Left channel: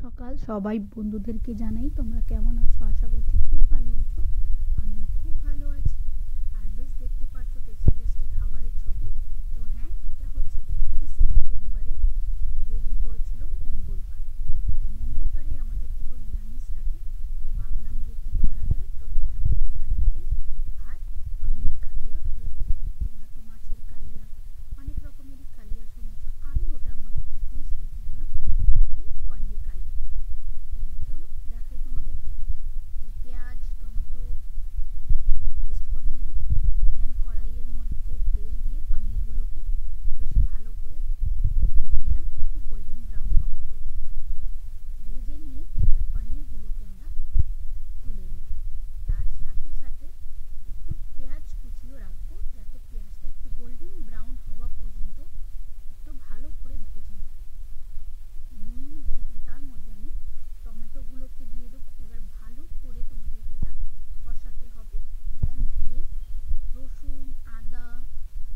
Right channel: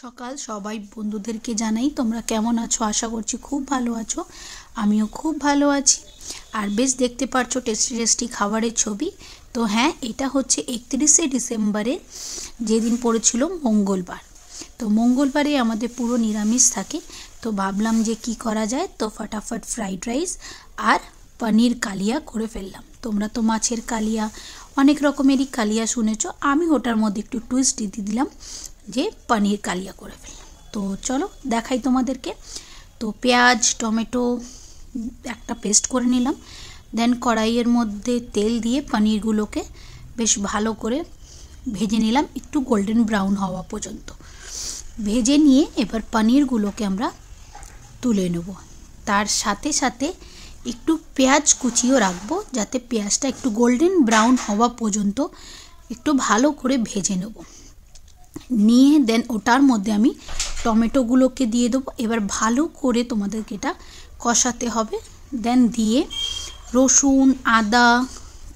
সকাল সবাই বন্ধুদেরকে জানাই তোমরা কেমন আছো। আশা করছি খুব ভালো আছো, আমিও খুব ভালো আছি। আর বেশ দেখতে পাচ্ছ টেস্টি টেস্টি খাবারের ছবি। তো হ্যাঁ, এটা হচ্ছে 31শে ডিসেম্বরে, যেদিন পড়েছিল মঙ্গলবার। তো মঙ্গলবারে আমাদের পুরো নিরামিষ থাকে। তো ভাবলাম যে কি করা যায়, তো ফটাফট ফ্রাইড রাইস আর পনির কালিয়া করে ফেললাম। তোমরা তো মাছের কালিয়া, অনেক রকমেরই কালিয়া শুনেছো, আমি ওটার মধ্যে একটু টুইস্ট দিয়ে দিলাম যে পনির কালিয়া করে ফেললাম। তো চলো দেখাই তোমাদেরকে। তো পেঁয়াজ টমেটো একটা পেস্ট করে নিলাম, দেন কড়াইয়ের মধ্যে তেল দিয়ে পনিরগুলোকে বেশ ভালো করে ভেজে নিলাম, একটু গোল্ডেন ব্রাউন হওয়া পর্যন্ত ভেজে নিয়ে এবার পনিরগুলোকে আমরা তুলে নেব। তার সাথে সাথে একটু পেঁয়াজ কুচিও রাখবো, যাতে পেঁয়াজটা একটু গোল্ডেন ব্রাউন হওয়া পর্যন্ত একটু ভালো করে ভেজে নেব। নিয়ে দেন ওটার মধ্যে আমি টমেটোগুলোকে দিয়ে দেবো। এবার ভালো করে তোমাদেরকে এটা কষাতে হবে। দেন দিয়ে রসুন আদা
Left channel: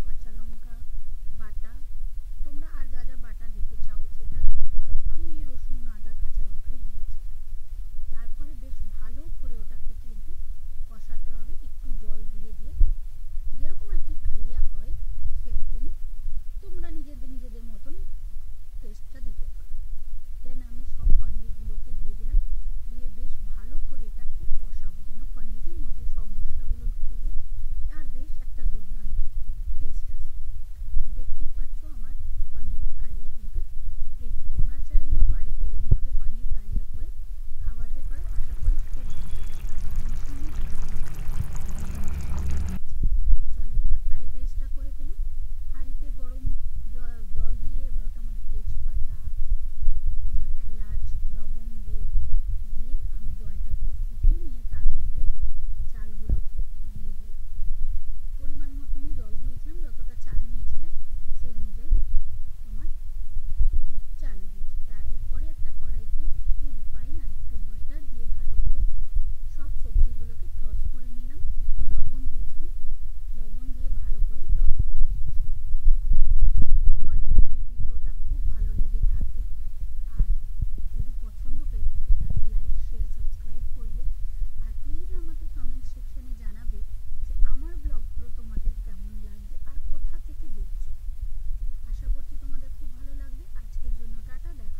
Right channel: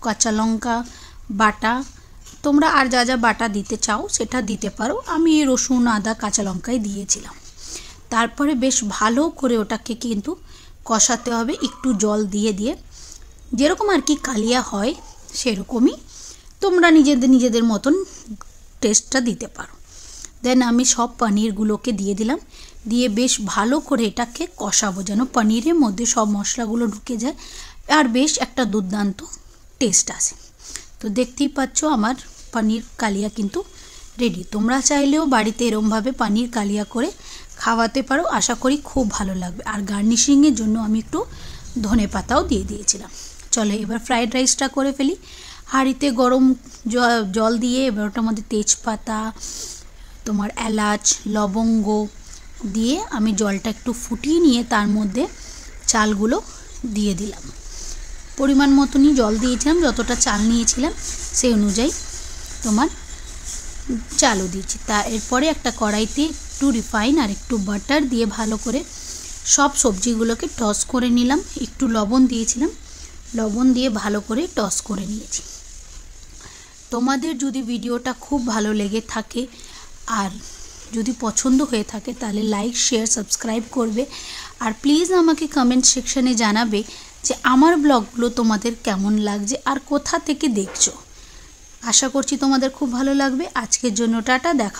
কাঁচা লঙ্কা বাটা, তোমরা আর যা যা বাটা দিতে চাও সেটা দিতে পারো, আমি রসুন আদা কাঁচা লঙ্কাই দিয়েছিলাম। তারপরে বেশ ভালো করে ওটাকে কিন্তু কষাতে হবে, একটু জল দিয়ে দিয়ে, যেরকম আর কি কালিয়া হয় সেরকমই তোমরা নিজেদের মতন টেস্টটা দিতে পারো। দেন আমি সব পনিরগুলোকে দিয়ে দিলাম, দিয়ে বেশ ভালো করে এটাকে কষাবো যেন পনিরের মধ্যে সব মশলাগুলো ঢুকে যায় আর বেশ একটা দুর্দান্ত টেস্ট আসে। তো দেখতেই পাচ্ছ আমার পনির কালিয়া কিন্তু রেডি। তোমরা চাইলেও বাড়িতে এরমভাবে পনির কালিয়া করে খাওয়াতে পারো, আশা করি খুব ভালো লাগবে। আর গার্নিশিংয়ের জন্য আমি একটু ধনে পাতাও দিয়ে দিয়েছিলাম। চলো এবার ফ্রাইড রাইসটা করে ফেলি। হাঁড়িতে গরম জল দিয়ে এবার ওটার মধ্যে তেজপাতা, তোমার এলাচ লবঙ্গ দিয়ে আমি জলটা একটু ফুটিয়ে নিয়ে তার মধ্যে চালগুলো দিয়ে দিলাম। পরিমাণ মতনই জল দিয়েছিলাম, যতটা চাল নিয়েছিলাম সেই অনুযায়ী তোমার চালও দিয়েছি। তা এরপরে একটা কড়াইতে একটু রিফাইন আর একটু বাটার দিয়ে ভালো করে সব সবজিগুলোকে টস করে নিলাম। একটু লবণ দিয়েছিলাম, লবণ দিয়ে ভালো করে টস করে নিয়েছি। তোমাদের যদি ভিডিওটা খুব ভালো লেগে থাকে আর যদি পছন্দ হয়ে থাকে তাহলে লাইক শেয়ার সাবস্ক্রাইব করবে। আর প্লিজ আমাকে কমেন্ট সেকশানে জানাবে যে আমার ব্লগগুলো তোমাদের কেমন লাগছে আর কোথা থেকে দেখছো। আশা করছি তোমাদের খুব ভালো লাগবে। আজকের জন্য টাটা, দেখা।